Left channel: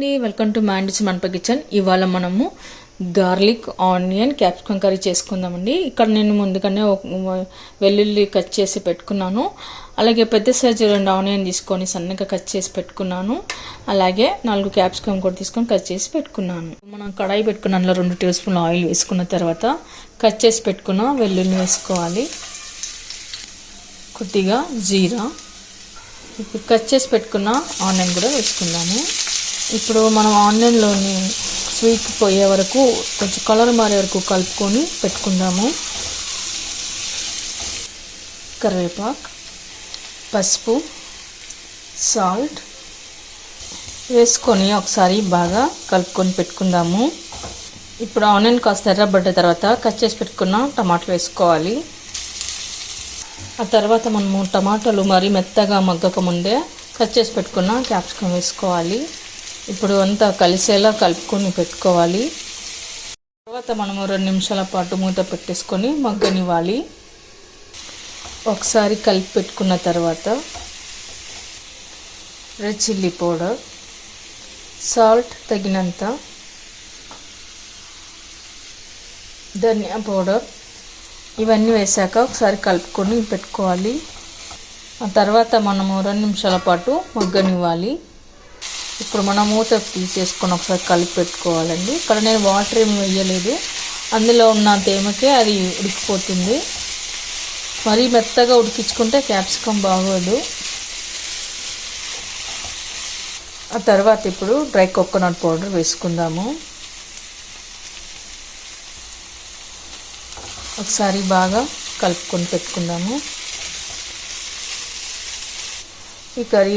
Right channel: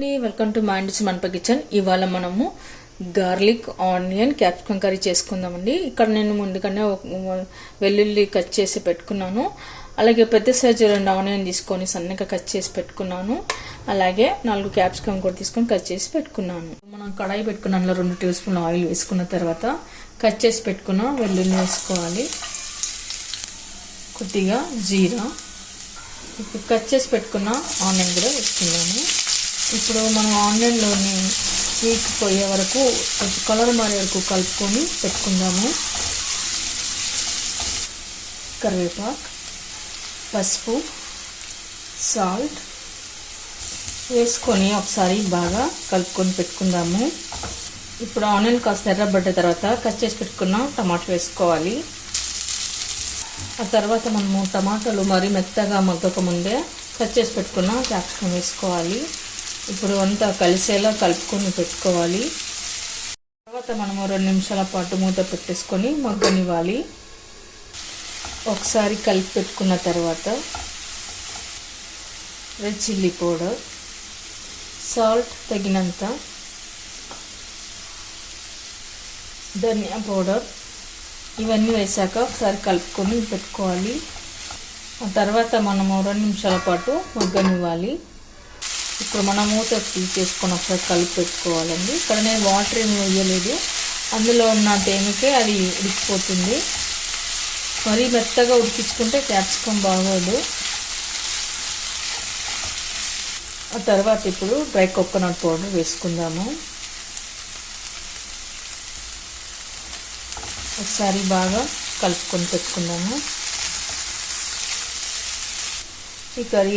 అండి, welcome to మ్యాండిస్ మనప kitchen. ఇవాళ మనము గార్లిక్ ఆనియన్ క్యాప్సికమ్ కర్రీ చేసుకుందామండి. ఇక్కడ నేను ముందుగానే వెల్లుల్లి కట్ చేసి పెట్టుకున్నాను. అలాగే పెద్ద సైజు 2 ఆనియన్ తీసుకొని సన్నగా కట్ చేసి పెట్టుకున్నాను. అలాగే 4 క్యాప్సికమ్ కూడా తీసుకొని కట్ చేసి పెట్టుకున్నాను. మనం కడాయి పెట్టుకున్న 2 టేబుల్ స్పూన్ ఆయిల్ వేసుకున్న తర్వాత కట్ చేసి పెట్టుకున్న వెల్లుల్లి వేసుకోవాలి. కొద్దిగా జీరా, ఇప్పుడు కట్ చేసి పెట్టుకున్న ఆనియన్ కూడా వేసుకుందాము. ఇప్పుడు మనం ఆనియన్లోని స్వీట్ పోయే వరకు కొంచెం కలర్ మారే వరకు కలుపుకొని పెట్టుకుందాము. కరివేపాకు, పసుపు, సాల్ట్ వేసుకొని ఒకసారి బాగా కలుపుకొని పెట్టుకుందాము. ఇప్పుడు ఆనియన్ కాస్త ఎర్రబడ్డ తర్వాత కట్ చేసి పెట్టుకున్న టమాటాలు వేసుకోవాలి. ఆ తర్వాత మనము టమాటాలు మరీ మెత్తగా మగ్గక ముందే కట్ చేసి పెట్టుకున్న క్యాప్సికమ్ వేసుకోవాలి. ఇప్పుడు అంతా కలిసేలా కలుపుకొని పెట్టుకోవాలి. తర్వాత మనము 2 నిమిషాల పాటు మూత పెట్టేసుకొని మగ్గనివ్వాలి. ఒకసారి కలిపి పెట్టుకున్న తర్వాత రెడ్ చిల్లీ పౌడర్, సాల్ట్ తగినంత, ధనియా పౌడర్ ఇవన్నీ వేసాక ఒకసారి కలుపుకొని పెట్టుకోవాలి. ఆ తర్వాత మనము 2 నిమిషాల పాటు మగ్గనివ్వాలి. ఇప్పుడు మనం మూత తీసేసుకున్నప్పుడు కలిపి పెట్టుకోవాలండి. ఇక్కడ నేను వాటర్ ఏమి వేయలేదు, అందులో ఉన్న తేమకే అది ఉడికిపోతుంది. మరీ మెత్తగా ఉడికించుకుంటే క్యాప్సికమ్ బాగోదు. ఆ తర్వాత ఇప్పుడు డ్రై కోకోనట్ పౌడర్ వేసుకుందాము. ఒకసారి బాగా కలుపుకొని పెట్టుకుందాము. ఈ కర్రీ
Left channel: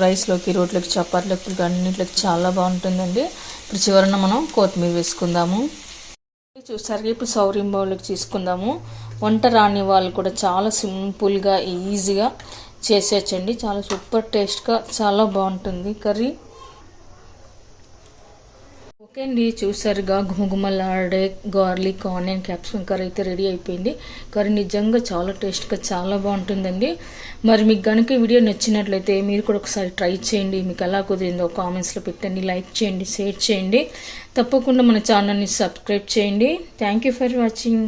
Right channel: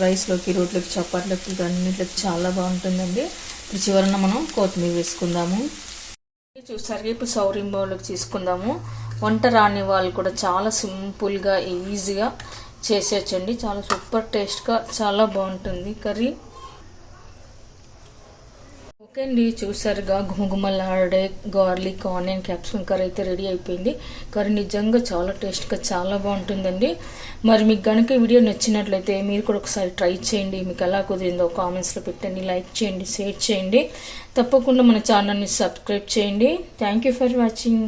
రైస్లోకి రోట్లకి చపాతీలకు అన్నింటికి చాలా బాగుంటుందండి. ఇప్పుడు చివరన మనం కొత్తిమీర వేసుకుందాము. చూసారు, ఇప్పుడు సర్వింగ్ బౌల్లోకి తీసుకుందాము. వంట రాని వాళ్ళు కూడా చాలా సింపుల్గా ఈజీగా చేసేయచ్చండి. చాలా సూపర్ టేస్ట్గా చాలా బాగుంటుంది కర్రీ. ఓకే అండి, చూసారుగా గుమగుమలాడే గార్లిక్ ఆనియన్ క్యాప్సికమ్ కర్రీ అయితే రెడీ అయిపోయింది. కర్రీ నిజంగా చాలా టేస్ట్గా చాలా బాగుంటుందండి. మరి మీకు కనుక వీడియో నచ్చినట్లయితే మీరు కూడా ఒకసారి ట్రై చేయండి. మీకు ఎలా కుదిరిందో కామెంట్స్లో పెట్టండి, లైక్ చేయండి, షేర్ చేయండి. తప్పకుండా మన ఛానల్ని సబ్స్క్రైబ్ చేయండి. Thank you for watching.